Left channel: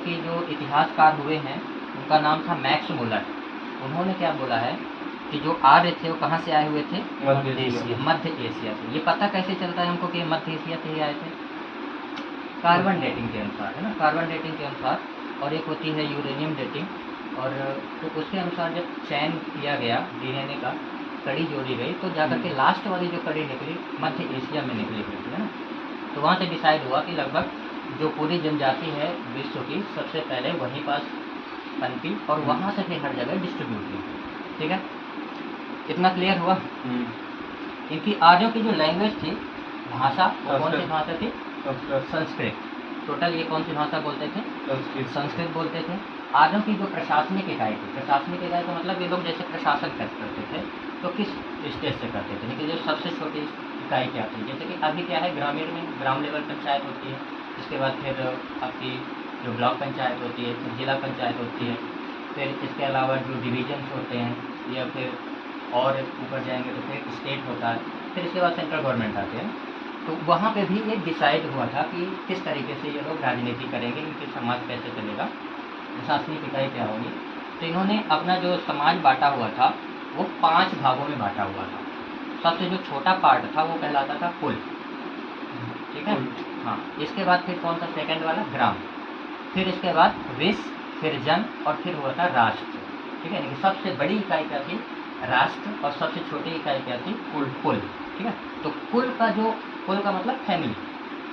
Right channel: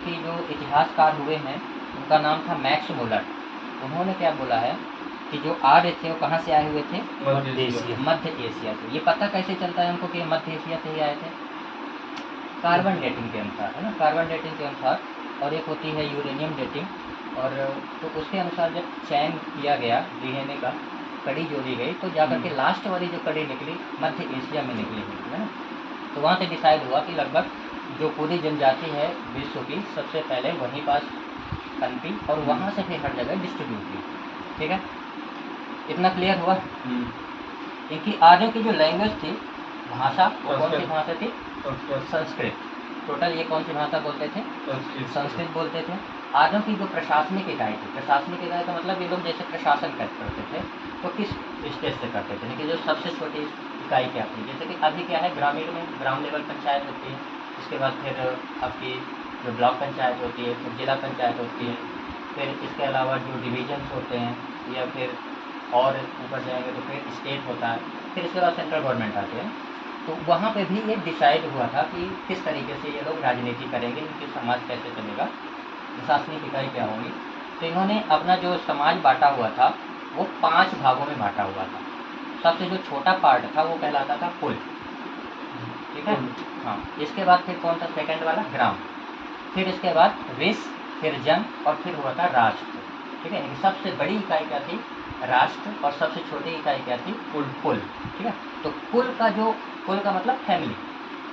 कि जो इतिहासकार हुए हैं उनका नाम था मैक्स मुलर। उन्होंने क्या बोला है कि जो आर्य थे वो कहाँ से आए हुए थे? मध्य एशिया से। ये पता कैसे चलता है हमको कि मध्य एशिया से ही आए थे? कार्बन डेटिंग के अनुसार, है ना, कार्बन डेटिंग के अनुसार। और एक होती है यूरेनियम डेटिंग। और तो उसके अनुसार जब चयन किया गया डीएनए का, कड़ी जोड़ी गई, तो जाकर के लास्ट वाली जो कड़ी निकली मध्य एशिया में निकली हुई, है ना। तो वहाँ से डिसाइड हुआ कि लगभग जो पूरी जनजाति है विश्व की, सबसे पहले वहीं पास पनपी और वहाँ से फिर हर जगह डिस्ट्रीब्यूट हुई। ठीक है, इतना क्लियर हुआ? क्योंकि आर्यों की जो लैंग्वेज थी, भाषा, वो कौन सी भाषा थी? संस्कृत। टोटल ये कौन सी भाषा बोलते थे? संस्कृत बोलते थे। आर्यों की जो प्रशासनिक इकाई थी, प्रशासनिक इकाई का मतलब ये लोग जैसे प्रशासन करते थे तो किस स्टेज से करते थे, लेकिन जो सबसे छोटी इकाई क्या थी, जैसे कि अभी क्या है ग्रामीण में ग्राम लेवल पंचायत होती है, इसके बाद फिर आपकी जो ब्लॉक पंचायत होती है, फिर जिला पंचायत होती है, फिर इसके अलावा जो डिवीजन्स होते हैं या फिर और ऊपर जाएंगे तो फिर स्टेट होता है, फिर इसके बाद सेंट्रल गवर्नमेंट आते हैं। तो वहाँ पे भी ये डिसाइड हुआ था कि किस तरीके से ये लोग राजनीति करेंगे, इनके समाज कैसे चलेगा, प्रशासनिक इकाई क्या होगी। तो इन्होंने अपना जो समाज बांटा हुआ था वो 5 भागों में बांटा हुआ था। सबसे जो छोटा पार्ट था वो कहलाता था कुल। ठीक है, हाँ। इसके बाद फिर कौन था सेकंड वाला? ग्राम। फिर इसके बाद विष, फिर जन, और फिर हुआ था राष्ट्र। ठीक है, सबसे बड़ी इकाई क्या थी? राष्ट्र। और सबसे छोटी इकाई क्या थी? कुल। ठीक है, तो कुल का मतलब फैमिली।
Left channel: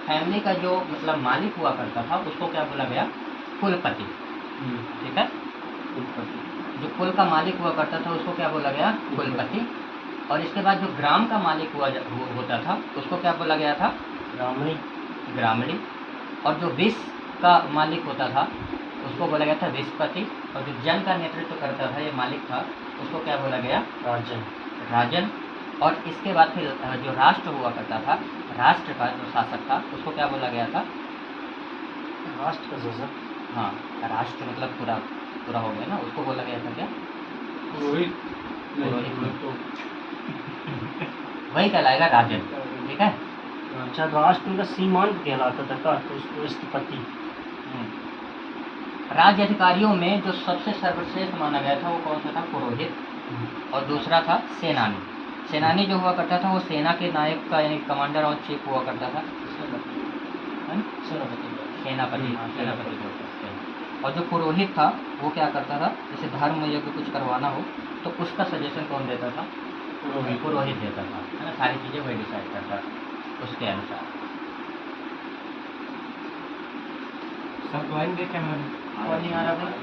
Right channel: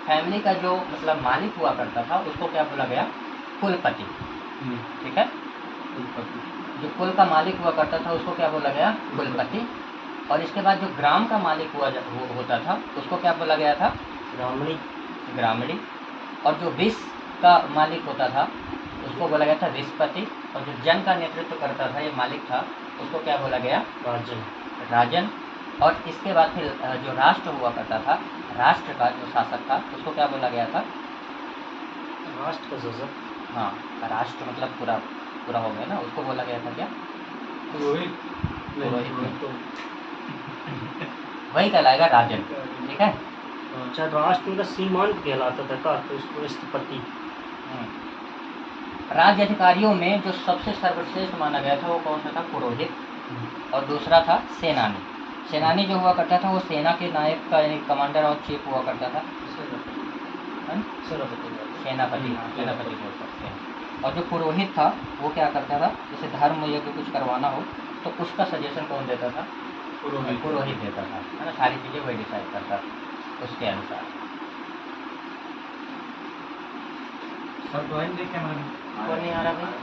फैमिली का जो मतलब मालिक हुआ करता था उसको क्या बोला गया? कुलपति। ठीक है, जो कुल का मालिक हुआ करता था उसको क्या बोला गया? कुलपति। और इसके बाद जो ग्राम का मालिक होता था उसको क्या बोला गया था? ग्रामणी। और जो विष का मालिक होता था उसको बोला गया था विषपति। और जो जन का नेतृत्व करता था, ये मालिक था, उसको क्या बोला गया? राजन। और इसके बाद फिर जो राष्ट्र हुआ करता था, राष्ट्र का जो शासक था उसको क्या बोला गया था? राष्ट्र का शासक। हाँ, राष्ट्र मतलब पूरा हो गया ना, उसको बोला गया था क्या? पुरोहित। वही कहलाएगा राजन। ठीक है, अच्छा, राष्ट्र उनका सीमांत कहलाता था का, तो उसको स्थपति। राज्य अधिकारियों में जो सबसे सर्वश्रेष्ठ माना गया था वो कौन सा था? पुरोहित। और दूसरा था सेनानी। सेनानी जो हुआ करता था वो सेना के नायक का यानी कमांडर और चीफ हुआ करता था। सेनापति, हाँ, सेनापति बोल सकते हैं। और जो पुरोहित था वो क्या करता था, जैसे धर्म यज्ञ कुछ करवाना हो तो उसका सजेशन कौन देता था? पुरोहित देता था, है ना। सारी चीज़ें वही डिसाइड करता था उसके अनुसार। सब ड्राइंग देखे मैंने। कौन नहीं आ रहा भाई?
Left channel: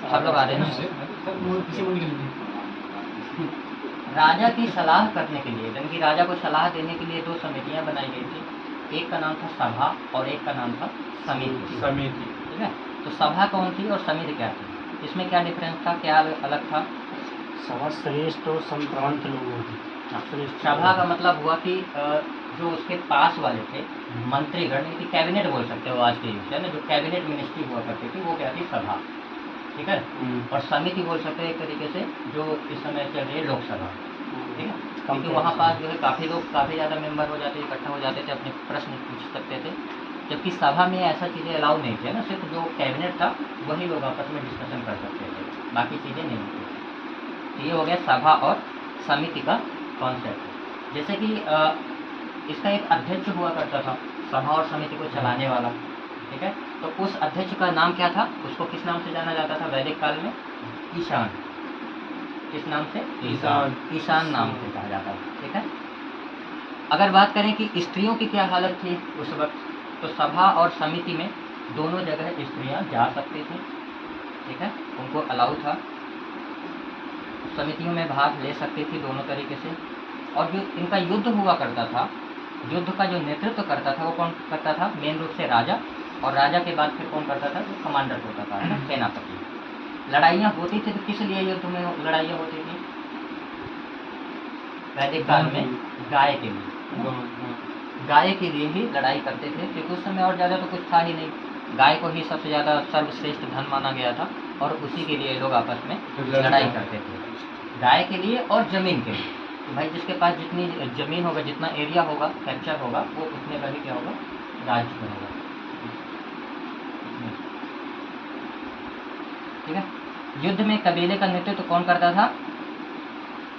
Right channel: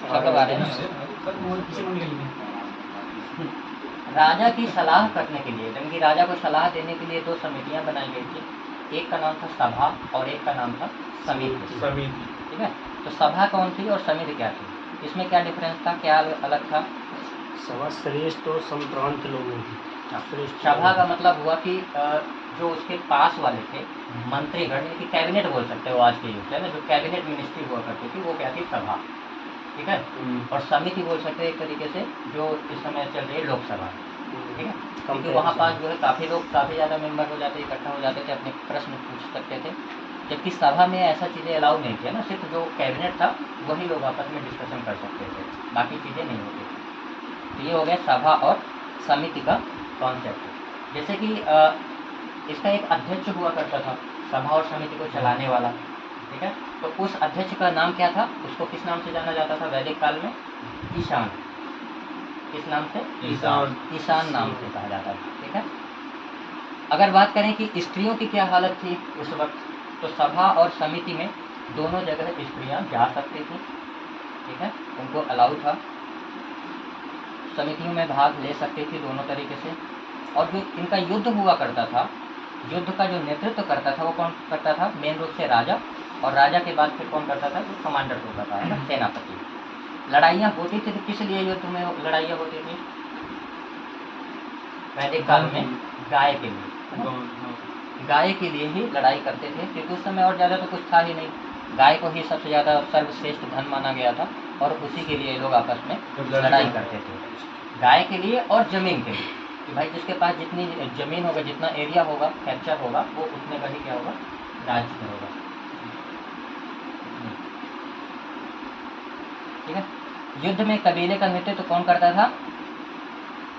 सब लोग आ रहे हैं। राजा की सलाह करने के लिए, यानी कि राजा को सलाह देने के लिए 2 समितियां बनाई गई थी। एक का नाम था सभा और एक का नाम था समिति। ठीक है, तो सभा कौन थी और समिति क्या थी? इसमें क्या डिफरेंस था, क्या अलग था? सभा श्रेष्ठ और संप्रांत लोगों की। सभा का मतलब हुआ कि जो उसके पास वाले थे मंत्रीगण, यानी कि कैबिनेट बोल सकते हो आज के युग से ना, जो कैबिनेट मिनिस्ट्री हुआ करती थी वो क्या थी? सभा। ठीक है, और समिति बोल सकते हैं एक तरीके से जो इस समय चल रही है लोकसभा। ठीक है, क्योंकि वहाँ पास जो है काफ़ी लोग, काफ़ी ज़्यादा मेंबर हो जाते, इकट्ठा हो जाते थे, अपने प्रश्न पूछ सकते थे। जबकि सभा में ऐसा चीज़ें अलाउ नहीं थी ना, सिर्फ जो कैबिनेट था वही लोग आपस में डिस्कशन कर सकते थे, बाकी चीज़ें नहीं होती थी। तो ये हो गया सभा और समिति का कॉन्सेप्ट। जैसे कि इसका एक अध्यक्ष हुआ करता था सभा और समिति को चलाने वाला। ठीक है, तो उस अध्यक्ष का नाम क्या था? उसको किस नाम से जाना जाता था वैदिक काल में? ईशान। किस नाम से? ईशान नाम से कहा जाता था। ठीक है, अगर बात करें कि स्त्रियों की क्या हालत थी उस वक्त, तो सभा और समिति में दोनों जगह स्त्रियां जा सकती थी। ठीक है, उनको अलाउ था, समितियों में भाग ले सकती थी दोनों तरीके से। और जो इनका युद्ध हुआ करता था, युद्ध का जो नेतृत्व करता था वो कौन करता था? मेन रूप से राजा। और राजा के बाद फिर कौन करता था? जो कमांडर होता था, है ना, सेनापति। लड़ाइयाँ होती थी तो किस लिए युद्ध में लड़ाइयाँ होती थी वैदिक काल में? गाय के लिए, है ना? गाय के लिए ही लड़ाई करते थे, क्योंकि उस समय और ज़्यादा तो कुछ था ही नहीं। गाय को ही सबसे ज़्यादा सर्वश्रेष्ठ धन माना गया था और उसी के लिए लोग आपस में लड़ाई करते थे। गाय के लिए और ज़मीन के लिए, कि भाई जिसके पास जितनी ज़मीन होगा, जितना एरिया होगा, कैप्चर होगा, वो उतने का ही क्या होगा? राज्य में होगा। ठीक है। युद्ध में कबीले का नेतृत्व कौन करता था,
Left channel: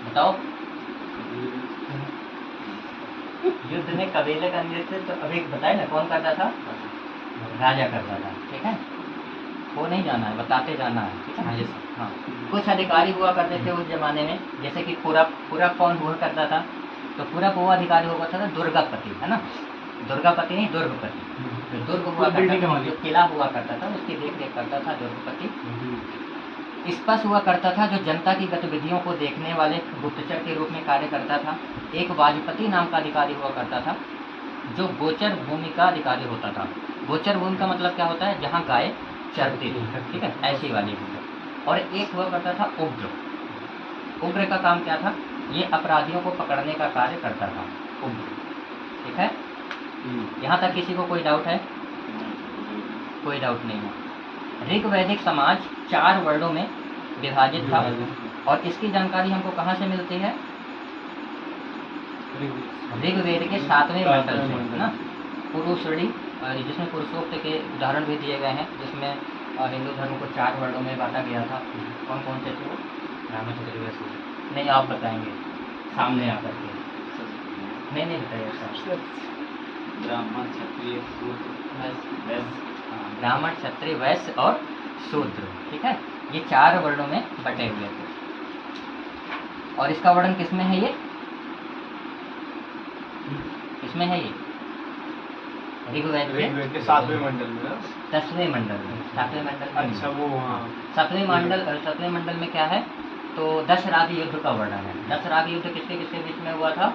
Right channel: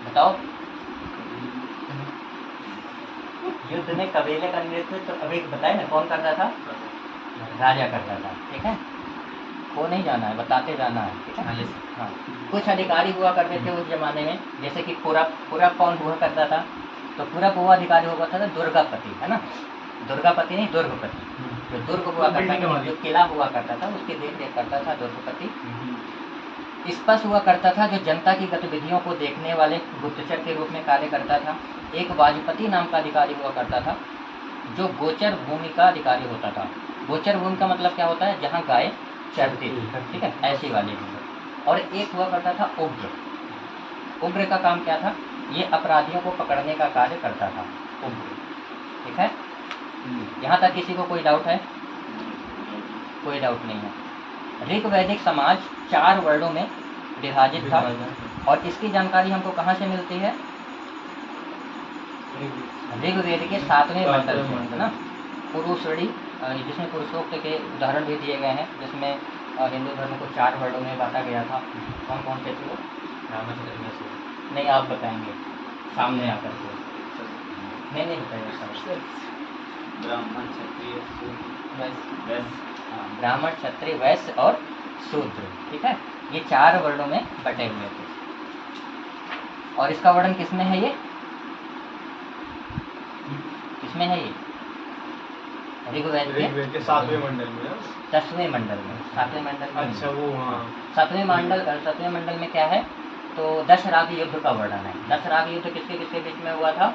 बताओ। युद्ध में कबीले का नेतृत्व अभी बताए ना, कौन करता था, राजा करता था। ठीक है, वो नहीं जाना है, बताते जाना है। ठीक है। हाँ, कुछ अधिकारी हुआ करते थे उस जमाने में, जैसे कि पूरब कौन हुआ करता था, तो पूरब वो अधिकारी हुआ करता था दुर्गापति, है ना, दुर्गापति नहीं दुर्गपति। जो दुर्ग हुआ करता था, जो किला हुआ करता था उसकी देख रेख करता था दुर्गपति। स्पष्ट हुआ करता था, जो जनता की गतिविधियों को देखने वाले गुप्तचर के रूप में कार्य करता था। एक वाजपति नाम का अधिकारी हुआ करता था, जो गोचर भूमि का अधिकारी होता था। गोचर भूमि का मतलब क्या होता है, जहाँ गाय चरती थी। ठीक है, ऐसी वाली। और एक हुआ करता था उग्र। उग्र का काम क्या था, ये अपराधियों को पकड़ने का कार्य करता था, उग्र। ठीक है, यहाँ तक किसी को कोई डाउट है, कोई डाउट नहीं है। ऋग वैदिक समाज 4 वर्णों में विभाजित था, और इसकी जानकारी हमको कहाँ से मिलती है, ऋग्वेद के 7वें मंडल से, है ना। पुरुषड़ी, जिसमें पुरुषोक्त के उदाहरण भी दिए गए हैं, जिसमें हिंदू धर्म को 4 वर्णों में बांटा गया था। कौन कौन से थे वो, नहीं आप बताएंगे सामने आकर के, नहीं बताइए सर। ब्राह्मण क्षत्रिय वैश्य और शूद्र। ठीक है, ये 4 वर्णों में बटे हुए थे। और इसका वर्णन किसमें है, ये किसमें है, ये ऋग्वेद के 7वें मंडल में, 10वें मंडल में, 7वें मंडल में। अच्छा वो, हाँ 7वें मंडल में क्या है, तो 10 राग युद्ध का वर्णन है। 10 राग युद्ध किसके किसके बीच में हुआ था,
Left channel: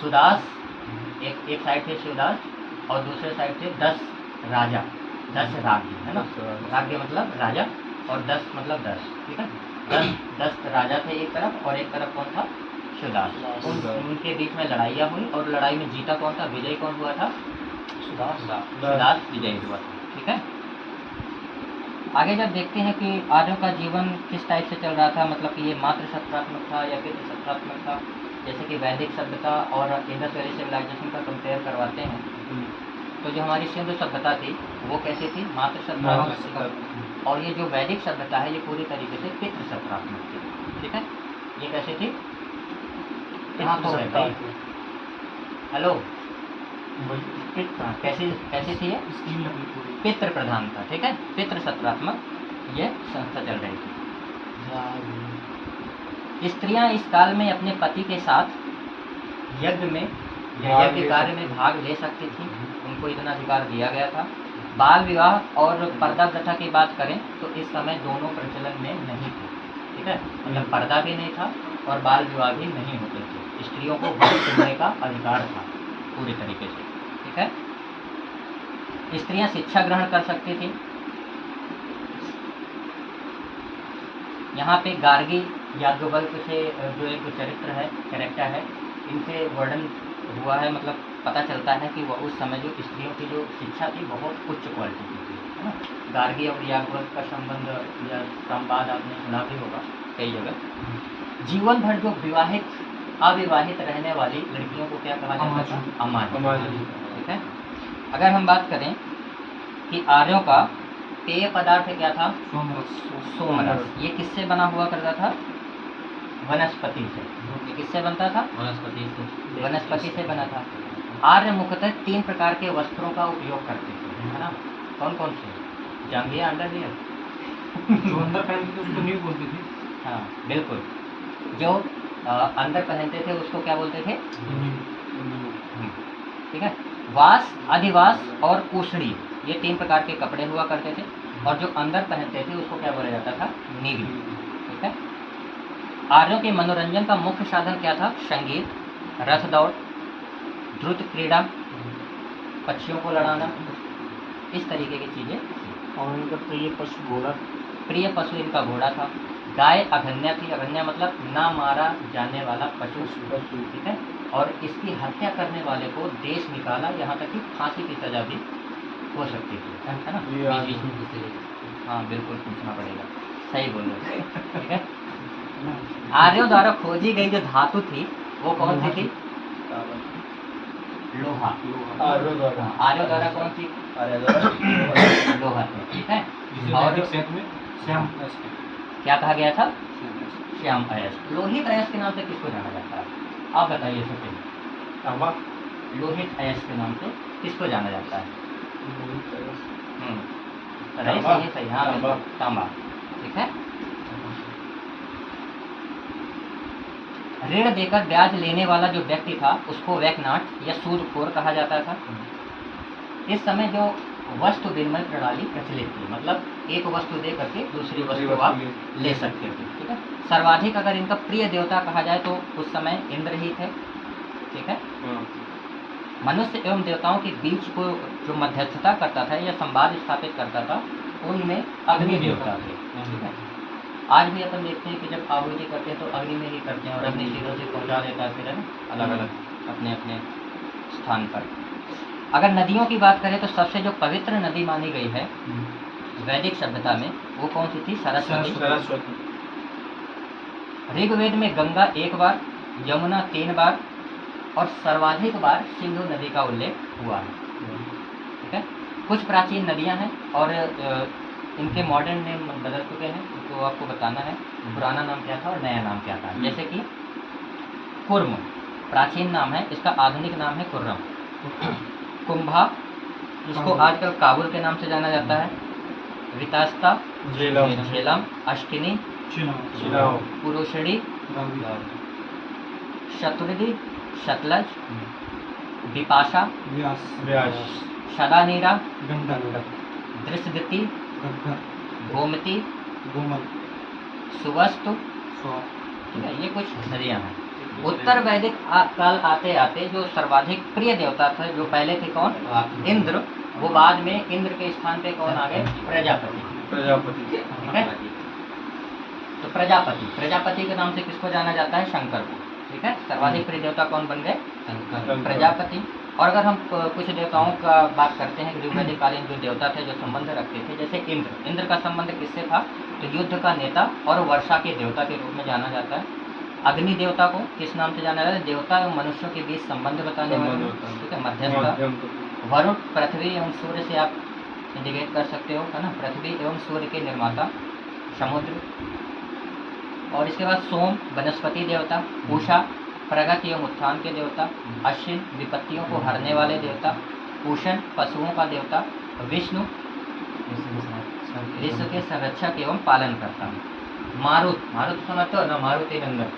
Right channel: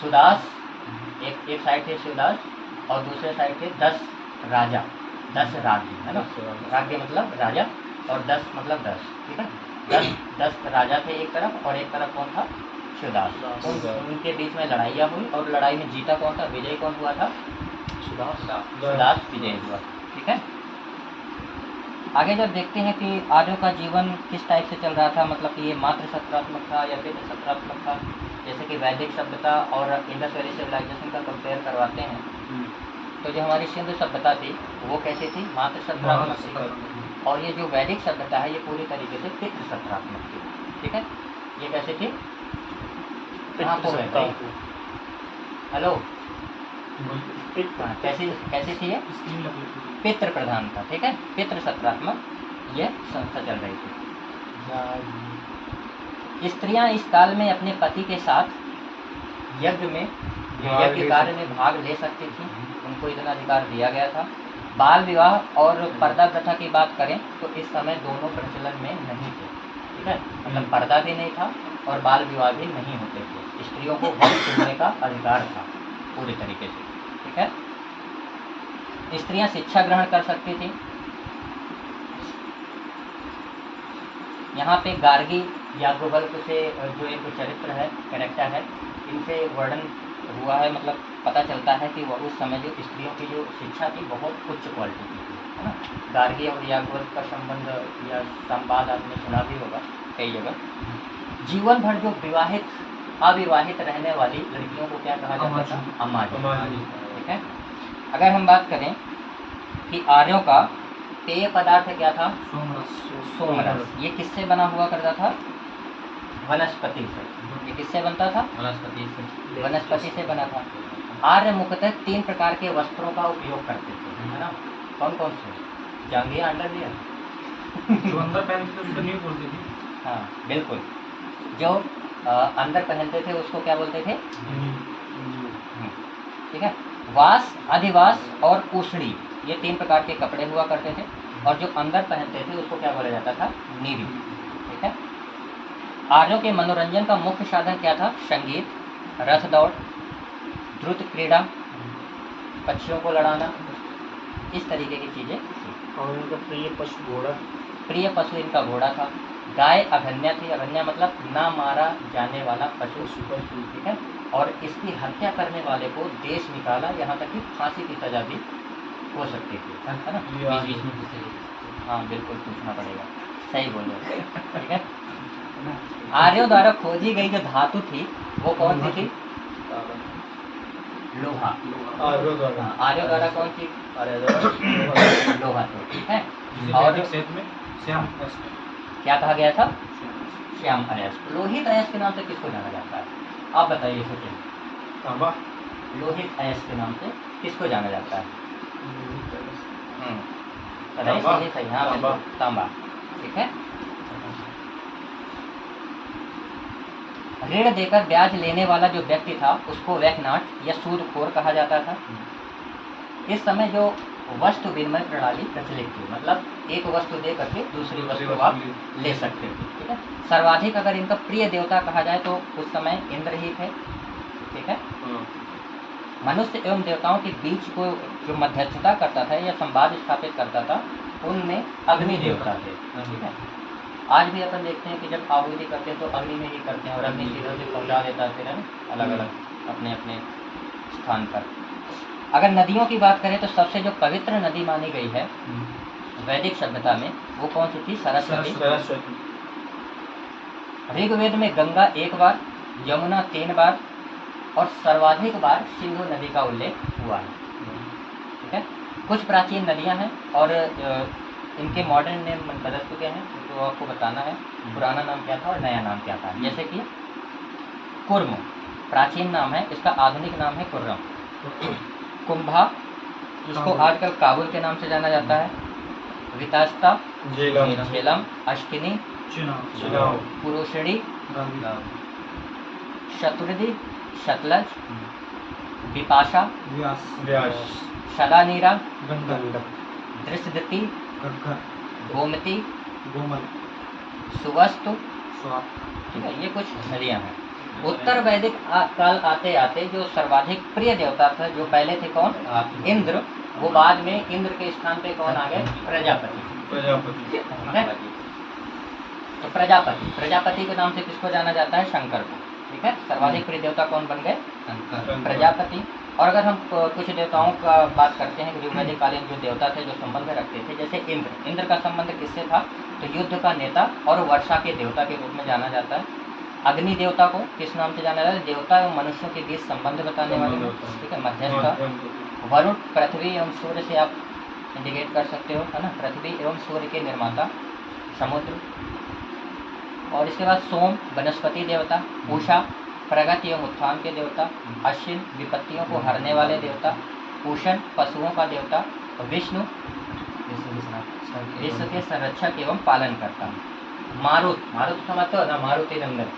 सुदास, एक साइड थे सुदास, और दूसरे साइड थे 10 राजा, 10 राज्य, है ना। राज्य मतलब राजा, और 10 मतलब 10। ठीक है, 10 राजा थे एक तरफ, और एक तरफ कौन था, सुदास। उनके बीच में लड़ाइयाँ हुई, और लड़ाई में जीता कौन था, विजय कौन हुआ था, सुदास विजय हुआ। ठीक है, आगे जब देखते हैं कि आर्यों का जीवन किस टाइप से चल रहा था, मतलब कि ये मात्र सत्रात्मक था या पितृ सत्रात्मक था। जैसे कि वैदिक सभ्यता और इंडस वैली सिविलाइजेशन का कंपेयर करवाते हैं, तो जो हमारी सिंधु सभ्यता थी वो कैसी थी, मात्र सत्रात्मक, और ये जो वैदिक सभ्यता है ये पूरी तरीके से पितृ सत्रात्मक थी। ठीक है, ये कैसे थी, कहाँ को है, हेलो, कैसी थी ये, पितृ प्रधान था। ठीक है, पितृ सत्रात्मक ये संस्था चल रही थी। स्त्रियां इस काल में अपने पति के साथ यज्ञ कार्य में भाग ले सकती थी, उनको इतना अधिकार दिया गया था। बाल विवाह और पर्दा प्रथा की बात करें तो इस समय दोनों प्रचलन में नहीं थे। ठीक है, मतलब पर्दा भी नहीं था और बाल विवाह भी नहीं होते थे। स्त्रियों को वन चुनने का अधिकार था पूरी तरीके से। ठीक है, स्त्रियां शिक्षा ग्रहण कर सकती थी। यहाँ पे गार्गी याज्ञवल्क्य से जो एक चरित्र है, कैरेक्टर है, इनसे वर्णन हुआ है, मतलब पता चलता है कि वह उस समय जो स्त्रियों की जो शिक्षा थी बहुत उच्च क्वालिटी की थी, है ना। गार्गी और याज्ञवल्क्य का संबंध या संवाद आपने सुना भी होगा कई जगह। जीवन भर जो अविवाहित रहने वाली लड़कियों को क्या कहा जाता था, अमाजी। ठीक है, अगर हम बात करें कि आर्यों का पेय पदार्थ क्या था, सोमरस। ये किससे बना हुआ करता था, वनस्पति से। ये किससे बनता था, वनस्पति से बना था। आर्य मुख्यतः 3 प्रकार के वस्त्रों का उपयोग करते थे, है ना। कौन कौन से, जांघिया, अंडरवियर जो अंदर पहनते थे उसको नहीं बोलते थे, हाँ बिल्कुल, जो अंदर पहनते थे उसको क्या बोलते थे, ठीक है। वास, अधिवास और कुशड़ी, ये 3 प्रकार के कपड़े हुआ करते थे, और जो अंदर पहनते थे उसको क्या बोला जाता था, नीवी। ठीक है, आर्यों के मनोरंजन का मुख्य साधन क्या था, संगीत, रथ दौड़, द्रुत क्रीड़ा, पक्षियों को लड़ाना, इस तरीके की चीजें। और उनका प्रिय पशु घोड़ा, प्रिय पशु इनका घोड़ा था। गाय अघन्या थी, अघन्या मतलब ना मारा जाने वाला पशु। ठीक है, और इसकी हत्या करने वाले को देश निकाला, यहाँ तक कि फांसी की सजा भी हो सकती थी, है ना। बीच में किसी, हाँ बिल्कुल पूछना पड़ेगा, सही बोल रहे हो। ठीक है, आर्यों द्वारा खोजी गई जो धातु थी वो कौन सी थी, लोहा। आर्यों द्वारा कौन सी, लोहा थी। ठीक है, जिसे और- वैदिक साहित्य में श्याम अयस्क क्या कहा गया था? श्याम श्याम अयस्क। लोहित अयस्क के नाम से किसको जाना जाता है? आप बताइए सचिन। तांबा लोहित अयस्क के नाम से किसको जाना जाता है? बताइए। तांबा। सही है, सही। हाँ तांबा। बिल्कुल, तांबा। ठीक है। ऋण देकर ब्याज लेने वाला जो व्यक्ति था उसको वैकनाट या सूदखोर कहा जाता था। इस समय जो वस्तु विनिमय प्रणाली प्रचलित थी, मतलब एक वस्तु दे करके दूसरी वस्तु आप ले सकते थे। ठीक है। सर्वाधिक अगर इनका प्रिय देवता कहा जाए तो उस समय इंद्र ही थे। ठीक है। मनुष्य एवं देवताओं के बीच को जो मध्यस्थता करता था या संवाद स्थापित करता था, उनमें अग्नि देवता थे। ठीक है। आज भी अपन देखते हैं कि जब आहुति करते हैं तो अग्नि में ही करते हैं और अग्नि सीधे से पहुंचा देता है फिर, है ना, अलग अलग अपने अपने स्थान पर। अगर नदियों की बात करें तो सबसे जो पवित्र नदी मानी गई है वैदिक सभ्यता में, वो कौन सी थी? सरस्वती। ऋग्वेद में गंगा 1 बार, यमुना 3 बार और सर्वाधिक बार सिंधु नदी का उल्लेख हुआ है। ठीक है। कुछ प्राचीन नदियां हैं और इनके मॉडर्न नेम बदल चुके हैं, तो आपको बताना है पुराना नाम क्या था और नया नाम क्या था। जैसे कि कुर्म प्राचीन नाम है, इसका आधुनिक नाम है कुर्रम। कुंभा, जिसको आजकल काबुल के नाम से जाना जाता है। वितास्ता, झेलम, अष्टिनी, पुरुषड़ी, शतुर्दी, सतलज, विपाशा, सदानीरा, दृष्टगति, गोमती, सुवस्तु। ठीक है। ये कुछ नदियाँ हैं। उत्तर वैदिक काल आते आते जो सर्वाधिक प्रिय देवता थे, जो पहले थे कौन? इंद्र। वो बाद में इंद्र के स्थान पे कौन आ गए? प्रजापति। ठीक है। तो प्रजापति के नाम से किसको जाना जाता है? शंकर को। ठीक है। सर्वाधिक प्रिय देवता कौन बन गए? प्रजापति। और अगर हम कुछ देवताओं का बात करते हैं ऋग्वैदिक कालीन जो देवता थे जो संबंध रखते थे, जैसे इंद्र का संबंध किससे था? तो युद्ध का नेता और वर्षा के देवता के रूप में जाना जाता है। अग्नि देवता को किस नाम से जाना जाता है? देवता एवं मनुष्यों के बीच संबंध बताने वाले। ठीक है, मध्यस्थ। वरुण, पृथ्वी एवं सूर्य से आप इंडिकेट कर सकते हो, है ना, पृथ्वी एवं सूर्य के निर्माता। समुद्र। और इसके बाद सोम, वनस्पति देवता। उषा, प्रगति एवं उत्थान के देवता। अश्विन, विपत्तियों को हरने वाले देवता। पूषण, पशुओं का देवता। विष्णु, विश्व के संरक्षक एवं पालन करता। मारुत सुना तो ना, मारुति नंदन,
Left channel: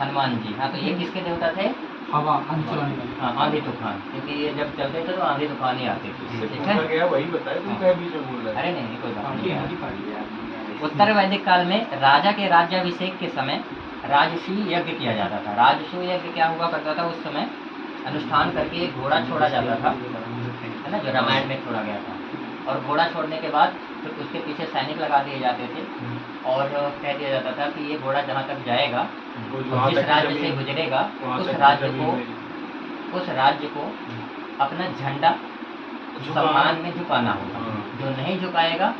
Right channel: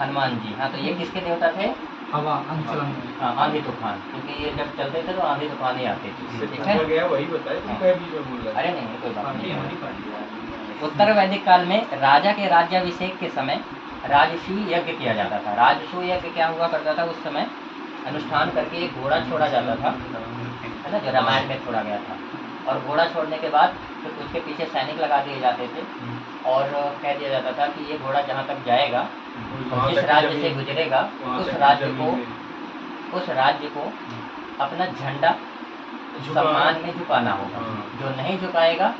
हनुमान जी। हाँ, तो ये किसके देवता थे? हवा, आंधी चलाने वाले। हाँ, आंधी तूफान, क्योंकि ये जब चलते थे तो आंधी तूफान ही आते थे। ठीक है। वही बताए तुम क्या बीच में बोल रहे अरे नहीं, कोई बात नहीं। उत्तर वैदिक काल में राजा के राज्याभिषेक के समय राजसूय यज्ञ किया जाता था। राजसूय यज्ञ क्या हुआ करता था उस समय? अनुष्ठान करके एक घोड़ा छोड़ा जाता था, है ना, जो रामायण में छोड़ा गया था। और घोड़ा छोड़ने के बाद तो उसके पीछे सैनिक लगा दिए जाते थे और कह दिया जाता था कि ये घोड़ा जहाँ तक जाएगा, जिस राज्य से गुजरेगा, उस राज्य को अपना झंडा सम्मान में झुकाना होगा। जो नहीं झुकाएगा,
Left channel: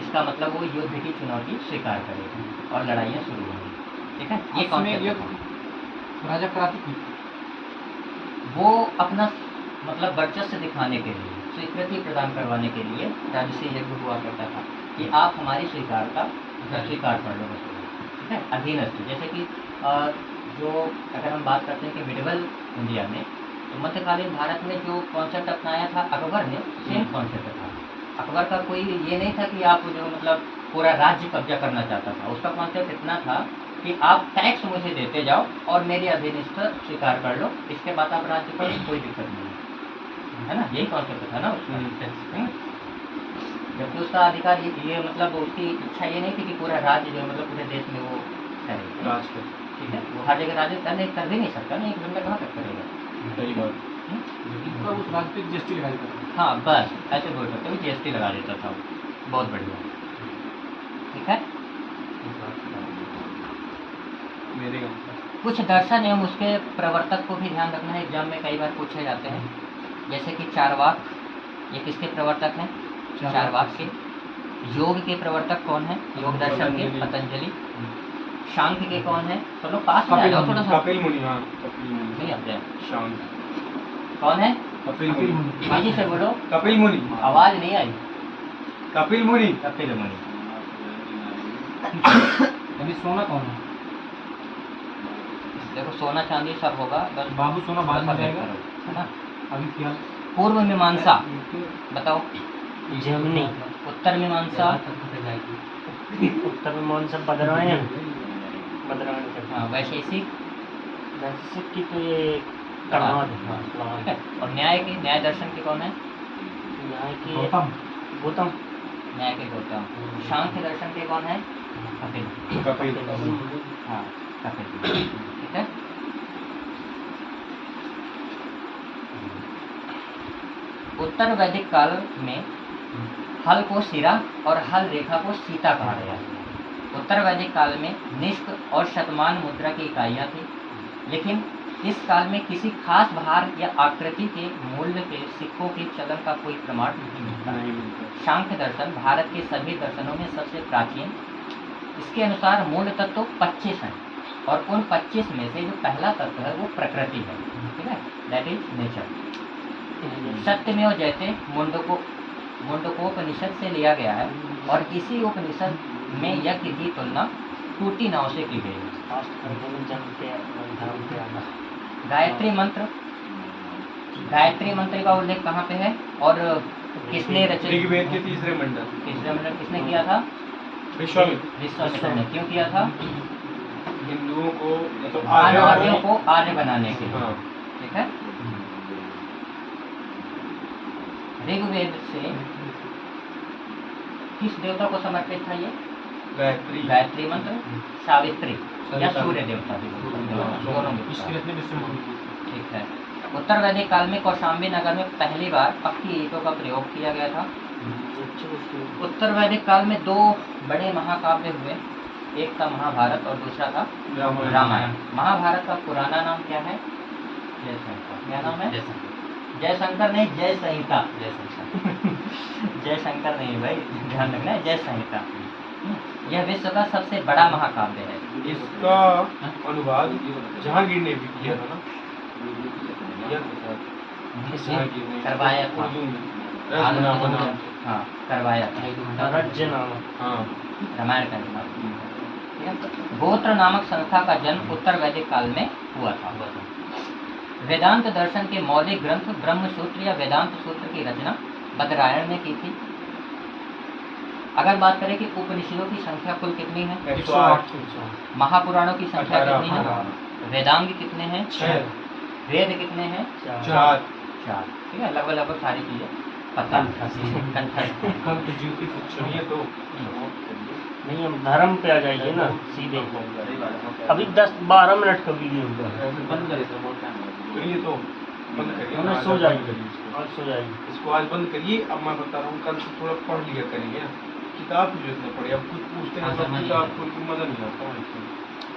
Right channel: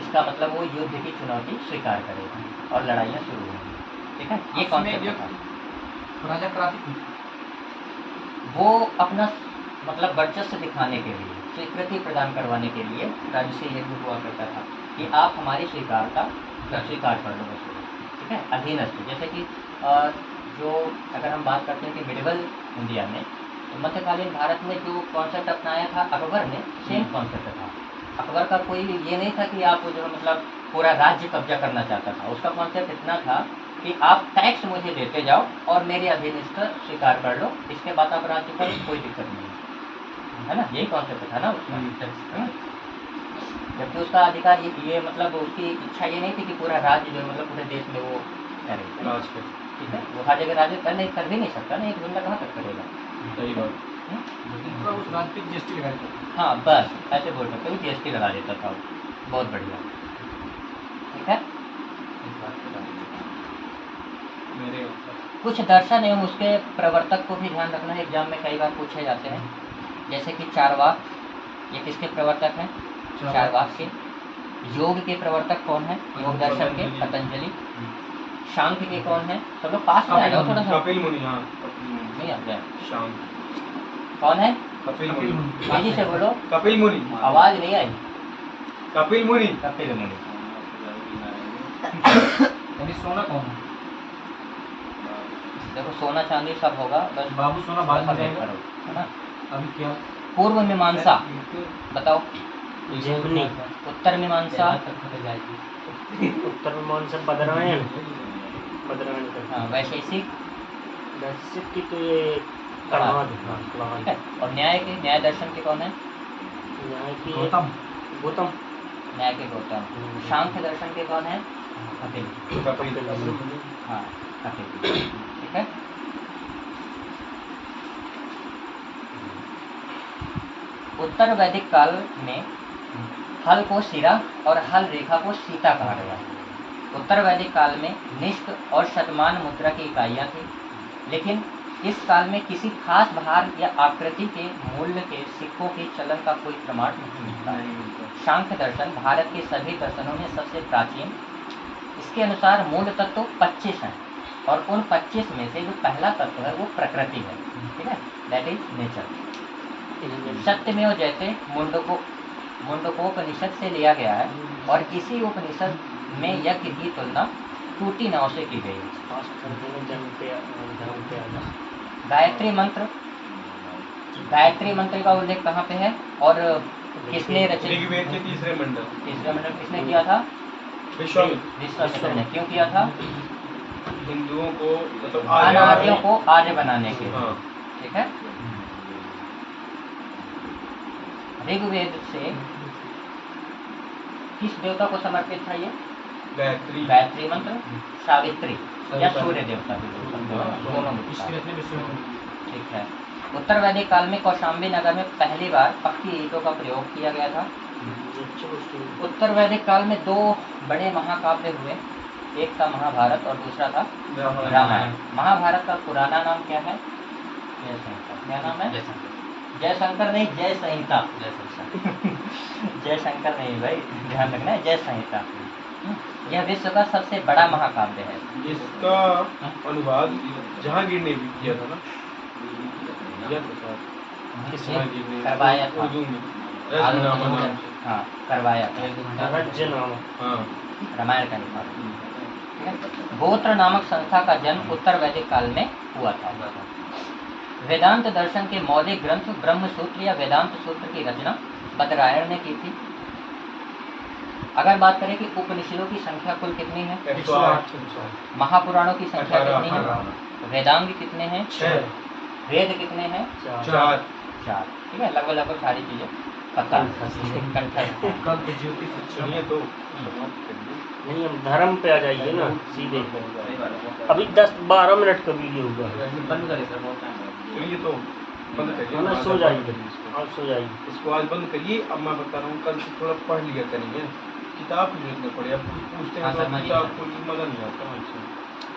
इसका मतलब वो युद्ध की चुनौती स्वीकार करेगा और लड़ाइयाँ शुरू होंगी। ठीक है। ये कॉन्सेप्ट था। राजा कराती थी वो अपना मतलब वर्चस्व दिखाने के लिए, स्वीकृति प्रदान करवाने के लिए राजसूय यज्ञ हुआ करता था कि आप हमारी स्वीकारता स्वीकार कर लो। ठीक है। अधीनस्थ, जैसे कि जो अगर हम बात करते हैं कि मिडिवल इंडिया में, तो मध्यकालीन भारत में जो कॉन्सेप्ट अपनाया था अकबर ने, सेम कॉन्सेप्ट था। अकबर का कोई ये नहीं था कि आप जो मतलब पूरा राज्य कब्जा करना चाहता था। उसका कॉन्सेप्ट इतना था कि आप टैक्स मुझे देते जाओ और मेरी अधीनस्थ स्वीकार कर लो, इसके बाद आप राज्य पर कोई दिक्कत नहीं, है ना। यही कॉन्सेप्ट था ना उसका। जबकि उसका अधिकार ये मतलब उसकी इच्छा ये नहीं थी कि पूरा राज्य जो मतलब पूरे देश में वो करे। ठीक है। वो हर जगह राज्य कर भी नहीं सकता ना, एक बंदा कहाँ तक करेगा। सही बात। उस रास्ते की जीएसटी लगा देता था। हाँ, बस ऐसे बोल सकते हो, जीएसटी लगा देता था वो। बहुत बढ़िया। ठीक है। मेरे कुछ दर्शन एवं उसके प्रवर्तक को भी ध्यान रखना है, एग्जाम में कई बार पूछे जाते हैं। जैसे कि चारवाक, ये किसके प्रवर्तक हैं? चारवाक के। योग के प्रवर्तक कौन है? योग दर्शन के पतंजलि। सांख्य के कौन है? तो लोग पास में आ जाओ थोड़ा सा। कपिल मुनि। हाँ, नहीं आ गया। शांत। कौन है? कपिल मुनि। तेजी से बोलो, कपिल मुनि। आवाज नहीं आई। कपिल मुनि। कपिल मुनि। अभी सोना कौन है? देखो सोना चांदी सब होगा, बस बाबू सोना बाद में थोड़ा सा जाएगा। करो, है ना। अभी क्या? पूर्व मीमांसा बताओ, जेमिनी। उत्तर मीमांसा, उत्तर में मीमांसा बदरायण। बदरायण का हाँ, वैशेषिक, वैसे की तो ये कणाद। हाँ ठीक कणाद। है। और न्याय के, न्याय दर्शन के कौन है? न्याय की गौतम। गौतम। न्याय के गौतम। सांख्य दर्शन के कौन है? कपिल। कपिल। हाँ, कपिल। ठीक है। उत्तर वैदिक काल में हल को शिरा और हल रेखा को सीता कहा गया। उत्तर वैदिक काल में निष्क और शतमान मुद्रा की इकाइयाँ थी, लेकिन इस काल में किसी खास भार या आकृति के मूल्य के सिक्कों के चलन का कोई प्रमाण नहीं मिलता है। सांख्य दर्शन भारत के सभी दर्शनों में सबसे प्राचीन। इसके अनुसार मूल तत्व 25 हैं, और उन 25 में से जो पहला तत्व है वो प्रकृति है, ठीक है, दैट इज नेचर। सत्यमेव जयते मुंडकोपनिषद से लिया गया है, और इसी उपनिषद में यज्ञ की तुलना टूटी नाव से की गई है। गायत्री मंत्र, गायत्री मंत्र का उल्लेख कहाँ पे है और किसने रचे? ऋग्वेद के तीसरे मंडल। तीसरे मंडल किसने किया था? विश्वामित्र ने। क्यों किया था? हिंदुओं को मतलब अनार्यों को आर्य बनाने के लिए, हाँ। ठीक है। ऋग्वेद से किस देवता को समर्पित था ये? गायत्री। गायत्री मंत्र, सावित्री या सूर्य देवता भी दोनों में। ठीक है। उत्तर वैदिक काल में कौशाम्बी नगर में पहली बार पक्की ईंटों का प्रयोग किया गया था। उत्तर वैदिक काल में 2 बड़े महाकाव्य हुए, एक था महाभारत और दूसरा था रामायण। महाभारत का पुराना नाम क्या है? क्या नाम है? जयशंकर नहीं, जय संहिता। जयशंकर नहीं भाई, ध्यान रखना है, जय संहिता। यह विश्व का सबसे बड़ा महाकाव्य है। इसका अनुवाद जहांगीर ने भी किया था ना, करवाया था। उर्दू में रसनामा नाम। हाँ, करवाया था। रज्जनामा। हाँ। रामायण का अनुवाद। गोत्र नामक संस्था का जन्म उत्तर वैदिक काल में हुआ था। वेदांत दर्शन के मौलिक ग्रंथ ब्रह्मसूत्र या वेदांत सूत्र की रचना बदरायण ने की थी। अगर बात करें कि उपनिषदों की संख्या कुल कितनी है? 108। महापुराणों की संख्या कितनी है? वेदांग कितने हैं? 6। वेद कितने हैं? 4। ठीक है, लगभग सारी चीजें पता सुनिए तो नहीं, हम धर्म पे आ जाइए ना सीधे। अभी 10-12 मिनट का वीडियो हुआ है। सुनिए तो बंद करिए। हमें सो जाएंगे, आज सो जाएंगे। इसको आज बंद करिए। अब मैं बता रहा हूँ, कल से थोड़ा पढ़ लिया करेंगे। किताब की जरूरत न पड़े। अब कुछ पूछते हैं तो किताब खोल के मजा नहीं आता।